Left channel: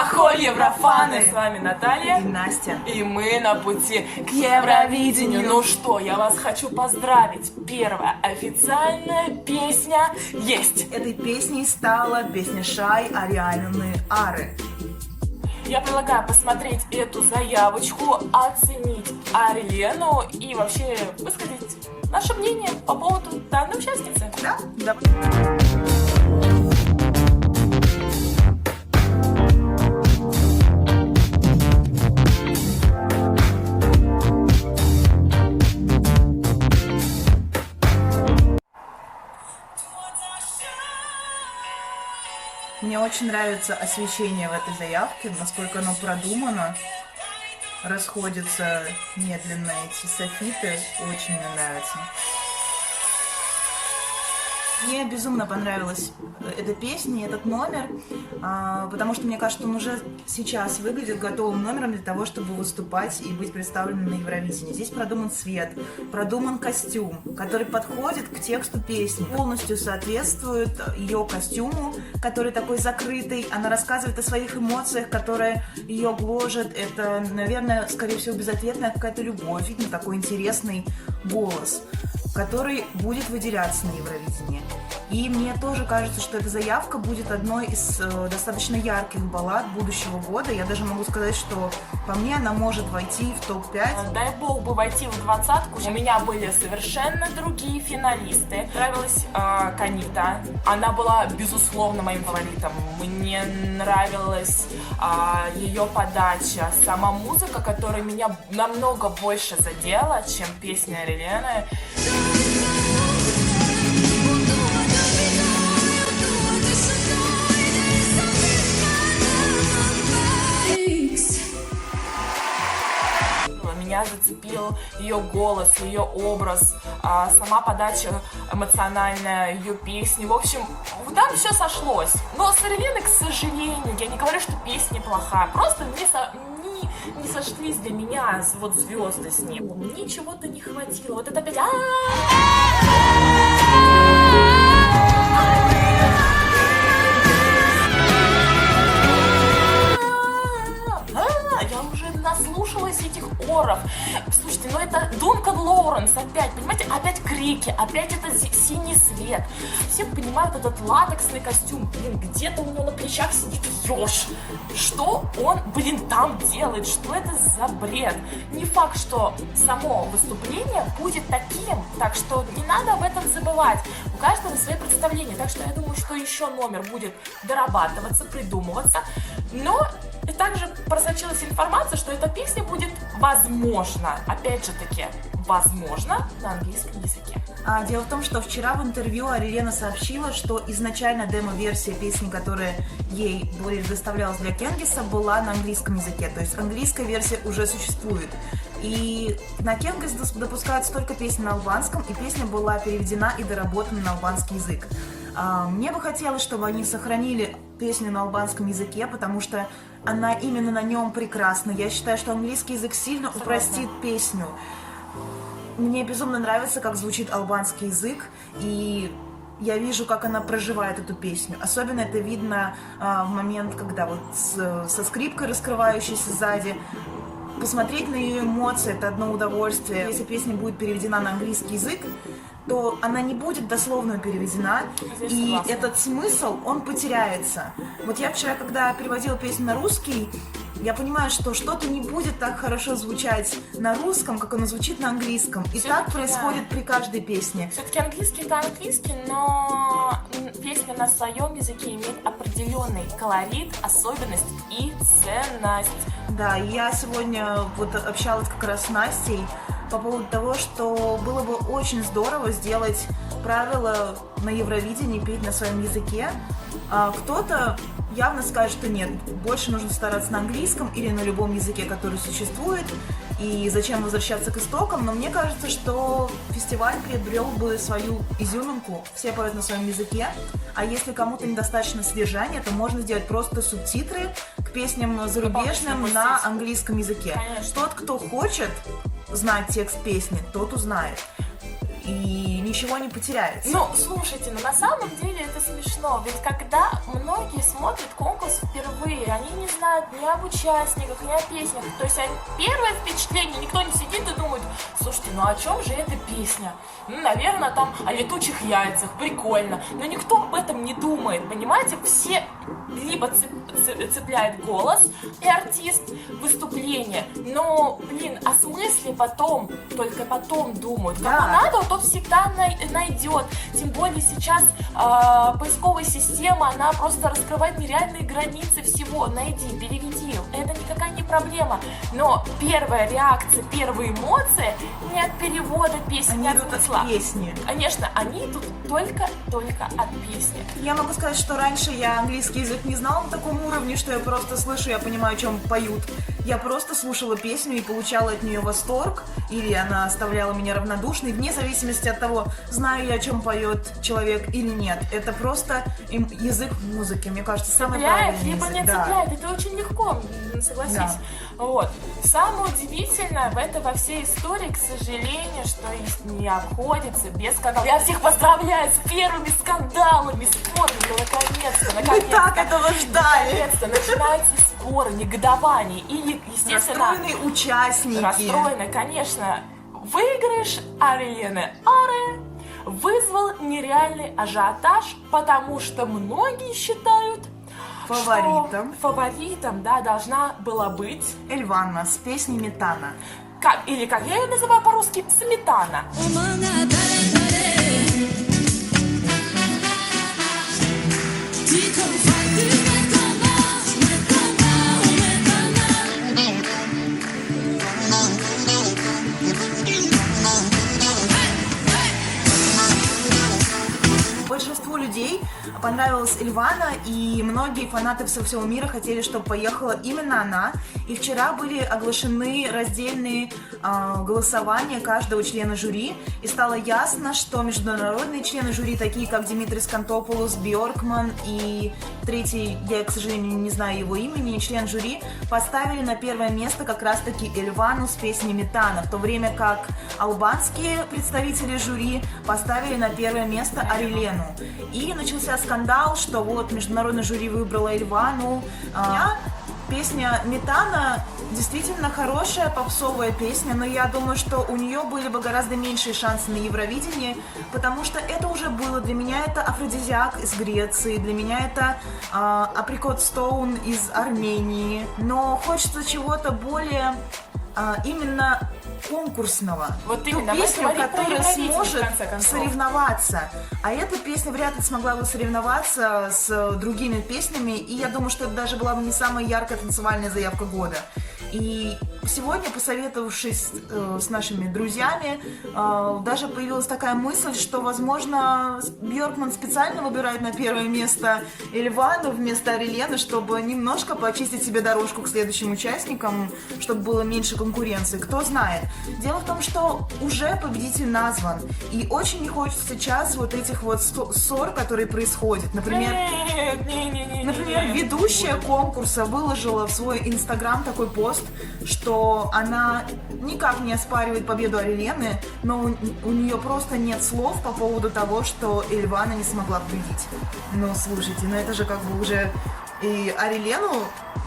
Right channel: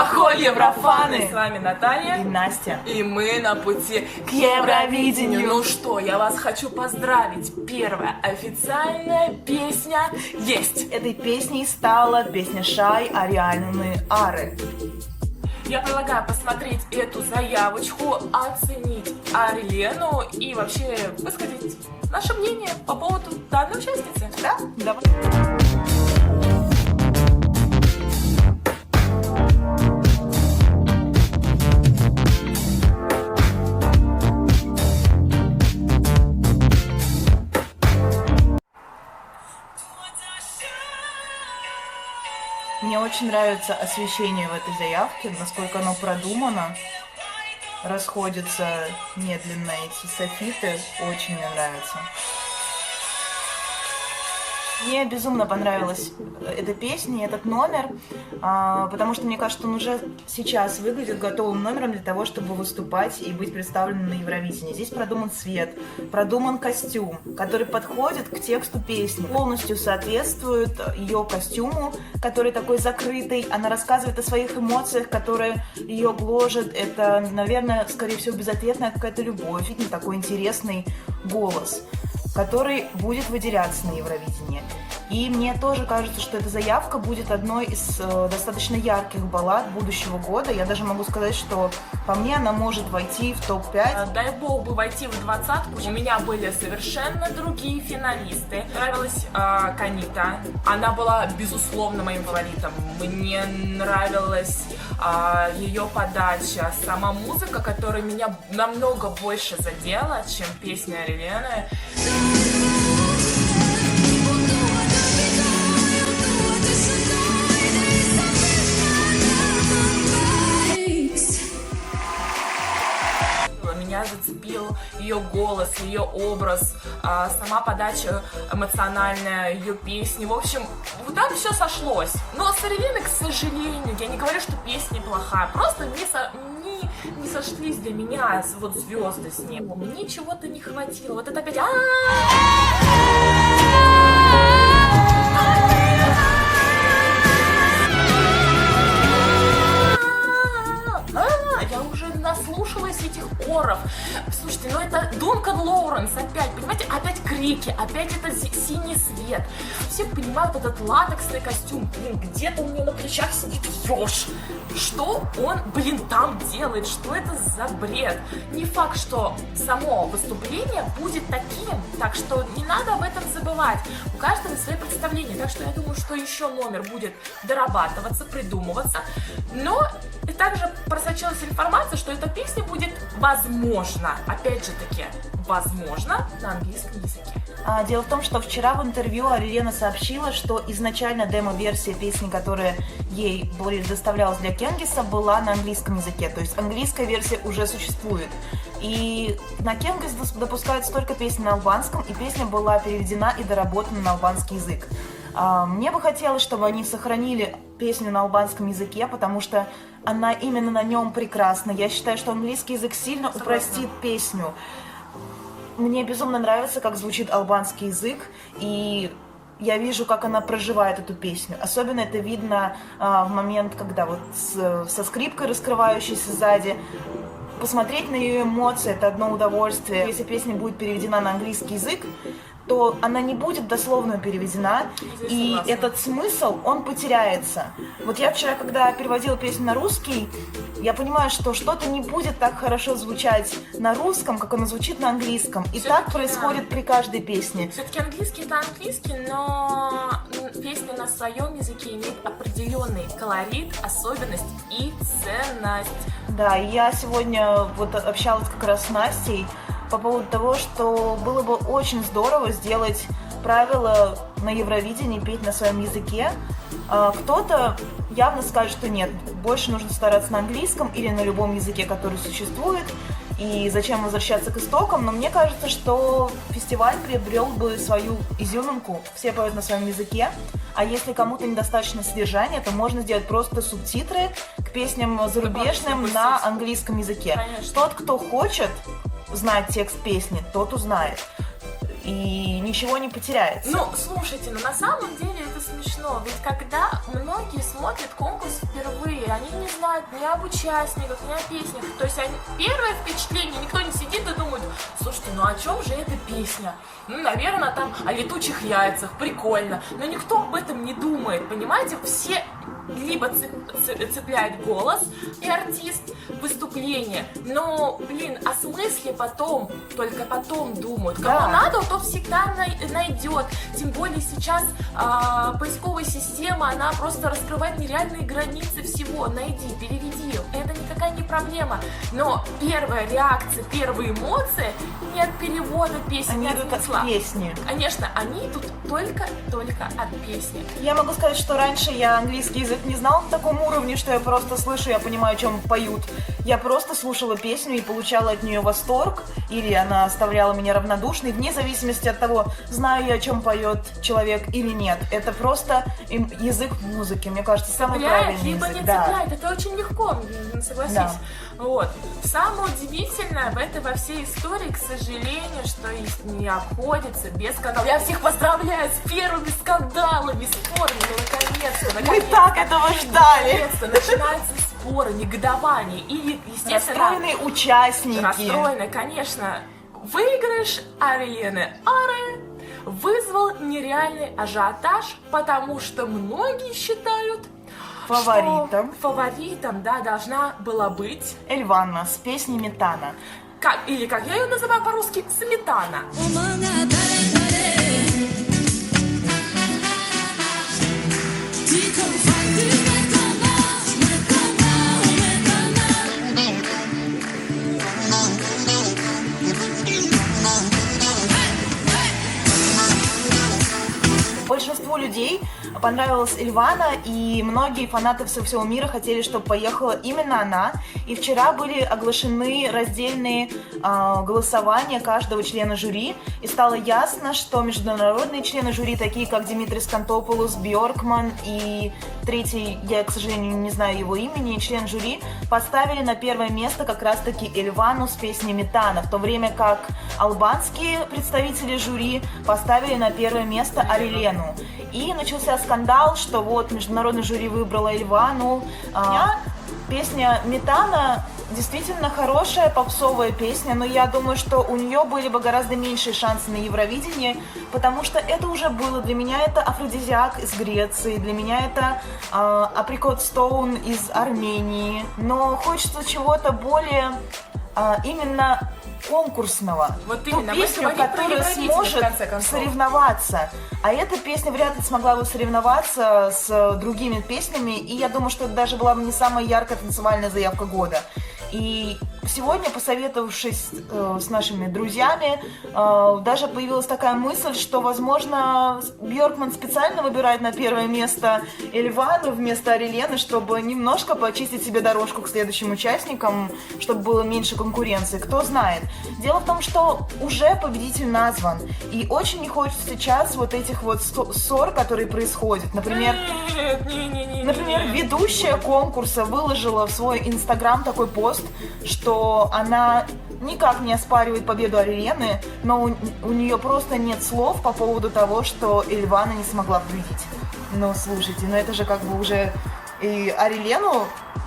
Ахо, еврофаны! С вами Наталья и Настя. И мы на пути к Евровидению. Ну что, я вас хочу поздравить. Первая официальная песня есть. Этой песней стала песня Шай «Арианы Ары». Я предлагаю посмотреть эту заявочку, оценить Арлену и вообще высказать наше мнение по поводу данной участницы. Да? Давай. Мне очень нравится освещение в этой заявке, насколько оно продумано. Расходятся медленно эти софиты, очень мне нравится. Мне безумно понравилась эта песня, этот номер, потому что мне кажется, он уже сейчас выглядит готовым номером для того, чтобы выступать и быть представленным на Евровидении. Здесь продуман свет, продуман костюм, который подходит к тексту песни, полностью соответствует ее костюму, который такой закрытый. Она рассказывает о своих эмоциях, которые ее гложат. Это, наверное, скорее всего, безответная какая-то любовь, видно, такой интересный голос, который будет выделяться на Евровидении. И мне тоже кажется, что эта заявка будет одной из достаточно ярких баллад будущего года. Я даже могу сказать, что по мне она может войти в топ-5. Дай бог бы войти в двадцатку. У меня были совершенно другие финалисты. Нравилась Канита. Она была, безусловно, моим фаворитом. Мне нравилась ее подача, сама музыка, которая меня намного больше задела, чем песня Арилены. Меня зацепил ее голос, ее образ, сама подача эмоциональная, ее песни. В общем, там все сошлось. Но с Ариленой, к сожалению, я не говорю, что песня плохая, просто не сошлись для меня вот звезды с ним. Мне чего-то не хватило. Вот это опять... Я уже наслушалась этих оров. Слушайте, ну это Дункан Лоуренс опять, понимаете, опять крики, опять это синий свет. Все понимают этот латексный костюм, блин, где-то у него на плечах сидит еж. Что он, блин, там делает? Что это за бред? Не факт, что само выступление будет таким, так что не надо об этом забывать. У каждого свои представления, так что я думаю, что еще номер будет дорабатываться, придумываться. Но и также просочилась информация, что эта песня будет, возможно, опять же таки, возможно, на английском языке. Дело в том, что вчера в интервью Арилена сообщила, что изначально демо-версия песни, которая ей предоставлялась для Кенгиса, была на английском языке. То есть английская версия уже существует. И на Кенгис допускаются только песни на албанском, и песня была переведена и доработана на албанский язык. Мне бы хотелось, чтобы они сохранили песню на албанском языке, потому что она именно на нем прекрасна. Я считаю, что английский язык сильно упростит песню. Мне безумно нравится, как звучит албанский язык, и я вижу, как она проживает эту песню. Особенно это видно в момент, когда вот со скрипкой, раскрывающейся сзади. Посмотреть на ее эмоции – это одно удовольствие. Если песня будет переведена на английский язык, то она не будет дословно переведена, и этот смысл, он потеряется. Вот я вчера, когда переводила песню на русский, я понимаю, что что-то не будет так хорошо звучать на русском, как оно звучит на английском. И так происходит при каждой песне. Все-таки английский это английский, но песня на своем языке имеет определенный колорит, особенность и ценность. Да, и я сегодня вот общалась как раз с Настей по поводу того, что было бы очень здорово сделать правила на Евровидении петь на своем языке. Кто-то явно скажет, что нет, больше нужно стараться на английском или на любом языке, который существует, и зачем возвращаться к истокам, но мне кажется, что фестиваль приобрел бы свою изюминку, все поют на своем языке, а если кому-то недостаточно содержания, то можно сделать просто субтитры к песням зарубежным на английском языке. Конечно. Тот, кто хочет знать текст песни, тот узнает. И ничего не потеряется. Ну, слушайте, на самом деле это смешно, ведь когда многие смотрят конкурс впервые, они не знают ни об участниках, ни о песнях, то есть первое впечатление, никто не сидит и думает, слушайте, ну о чем же эта песня? Ну, наверное, там о летучих яйцах, прикольно, но никто об этом не думает, понимаете, все либо цепляет голос и артист, выступление, но, блин, о смысле потом, только потом думают. Кому надо, то всегда найдет. Тем более сейчас поисковая система, она просто раскрывает нереальные границы всего. Найди, переведи, это никакая не проблема. Но первая реакция, первые эмоции не от перевода песни, они не идут от смысла. От песни. Конечно, они тут только от песни. Я могу сказать, что раньше я английский язык не знала на таком уровне, что я просто слышу, я понимаю, о чем поют. Я просто слушала песню и получала от нее восторг, или она оставляла меня равнодушной, вне зависимости от того, знаю я, о чем поет человек или нет. Это просто язык музыки, мне кажется, самый правильный либо язык. не цепляет, это очень легко, согласись. Да. Вот. Самое удивительное в этой во всей истории, к сожалению, что не обходится без скандалов. Я всех поздравляю с первыми скандалами, спорами, наконец-то. Мы так этого ждали. Наконец-то начинаются споры, негодование и, естественно, расстроенные участники. Расстроенные, конечно. Выигрыш Ариены Аре вызвал нереальный ажиотаж, потому что многие считают, фаворитом, да, должна была быть Эльвана с песней «Метана». Или как я ее называю по-русски, сметана. Большинству людей понравилась Эльвана, и многие фанаты со всего мира хотели, чтобы поехала именно она. И вчера были оглашены раздельные голосования каждого члена жюри, и стало ясно, что международные члены жюри, такие как Димитрис Кантопулос, Бьоркман и третий, я, к сожалению, не знаю его имени, член жюри, поставили на первое место как раз-таки Эльвану с песней «Метана», в то время как албанские представители жюри поставили на первое место Арилену. И начался скандал, что вот международное жюри выбрало Эльвану. Песня «Метана» действительно хорошая попсовая песня, но я думаю, что у нее были бы гораздо меньшие шансы на Евровидении, потому что это уже было. Для меня это афродизиак из Греции, для меня это Apricot Stone из Армении, но хочется чего-то более именно конкурсного. Вот ту песню, которая сможет соревноваться. А эта песня вряд ли смогла бы соревноваться с другими песнями, и я думаю, что это даже была бы не самая яркая танцевальная заявка года. И сегодня, посоветовавшись с нашими друзьями, даже появилась такая мысль, что, возможно, Бьоркман специально выбирает на первое место Эльвану вместо Арилены, чтобы немножко почистить себе дорожку к следующим участникам, чтобы было меньше конкуренции. Кто знает. Дело в том, что уже победитель назван, и очень не хочется сейчас вот этих вот ссор, которые происходят. Например, ведущая конкурса выложила в свой инстаграм такой пост, что она никак не оспаривает победу Арилены, но у нее просто нет слов по поводу того, что Эльвана не смогла победить. Ну, слушайте, ну это же как бы уже и Арилену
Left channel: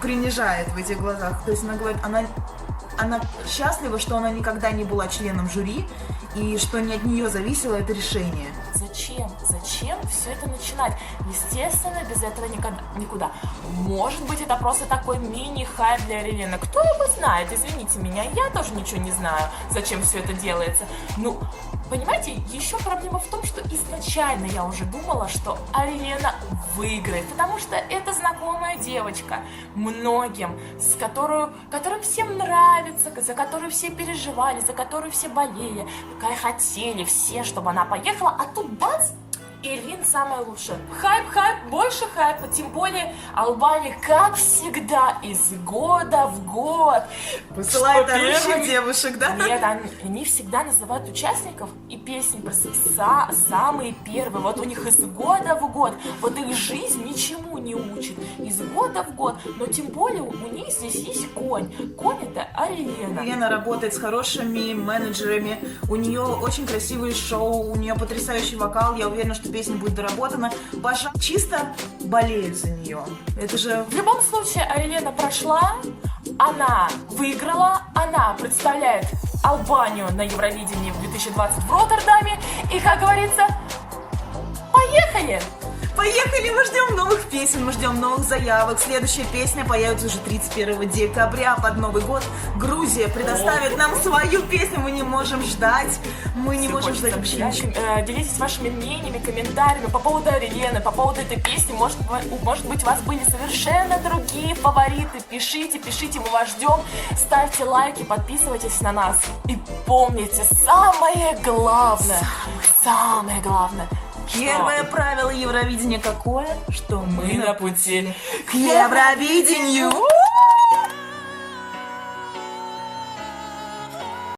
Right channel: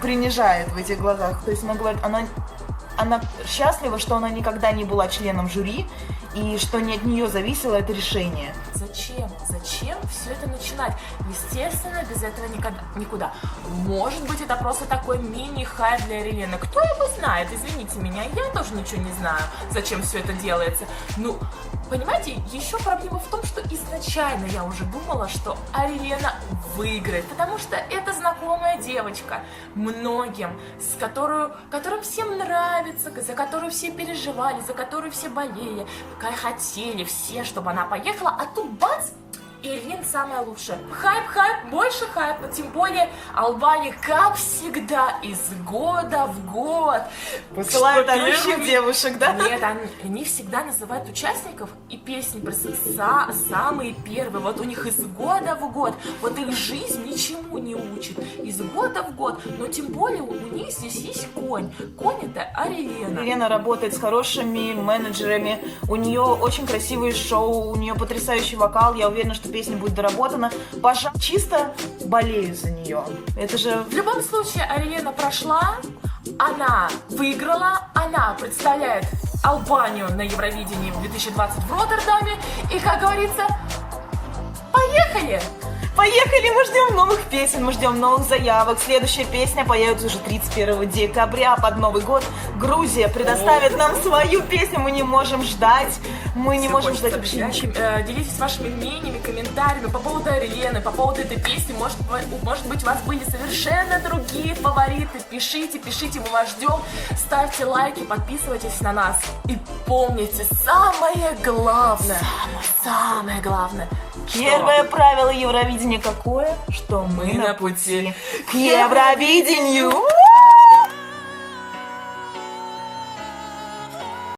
принижает в этих глазах. То есть она говорит, она счастлива, что она никогда не была членом жюри, и что не от нее зависело это решение. Зачем? Зачем все это начинать? Естественно, без этого никуда. Может быть, это просто такой мини-хайп для Арилены. Кто его знает? Извините меня, я тоже ничего не знаю, зачем все это делается. Ну, понимаете, еще проблема в том, что изначально я уже думала, что Арилена выиграет, потому что это знакомая девочка многим, которая всем нравится, за которую все переживали, за которую все болели, хотели все, чтобы она поехала, а тут бац, Ирин самая лучшая. Хайп, больше хайпа. Тем более Албания, как всегда, из года в год Посылает что орущих первый- девушек, да? Нет, они всегда называют участников и песни просто самые первые. Вот у них из года в год. Вот их жизнь ничему не учит. Из года в год. Но тем более у них здесь есть конь. Конь это Арелена. Елена работает с хорошими менеджерами, у нее очень красивые шоу, у нее потрясающий вокал, я уверена, что песня будет доработана. Паша, чисто болею за нее. Это же... В любом случае, Арелена прошла, она выиграла, она представляет Албанию на Евровидении в 2020 в Роттердаме. И, как говорится, поехали! Поехали, мы ждем новых песен, мы ждем новых заявок. Следующая песня появится уже 31 декабря под Новый год. Грузия предоставит нам свою песню, мы не можем ждать. Мы не можем ждать вообще ничего. Делитесь вашими мнениями, комментариями по поводу Арелены, по поводу этой песни. Может быть, у вас были совершенно другие фавориты. Пишите, мы вас ждем. Ставьте лайки, подписывайтесь на нас. И помните, самое главное, Первое правило Евровидения какое? Что мы на пути к Евровидению.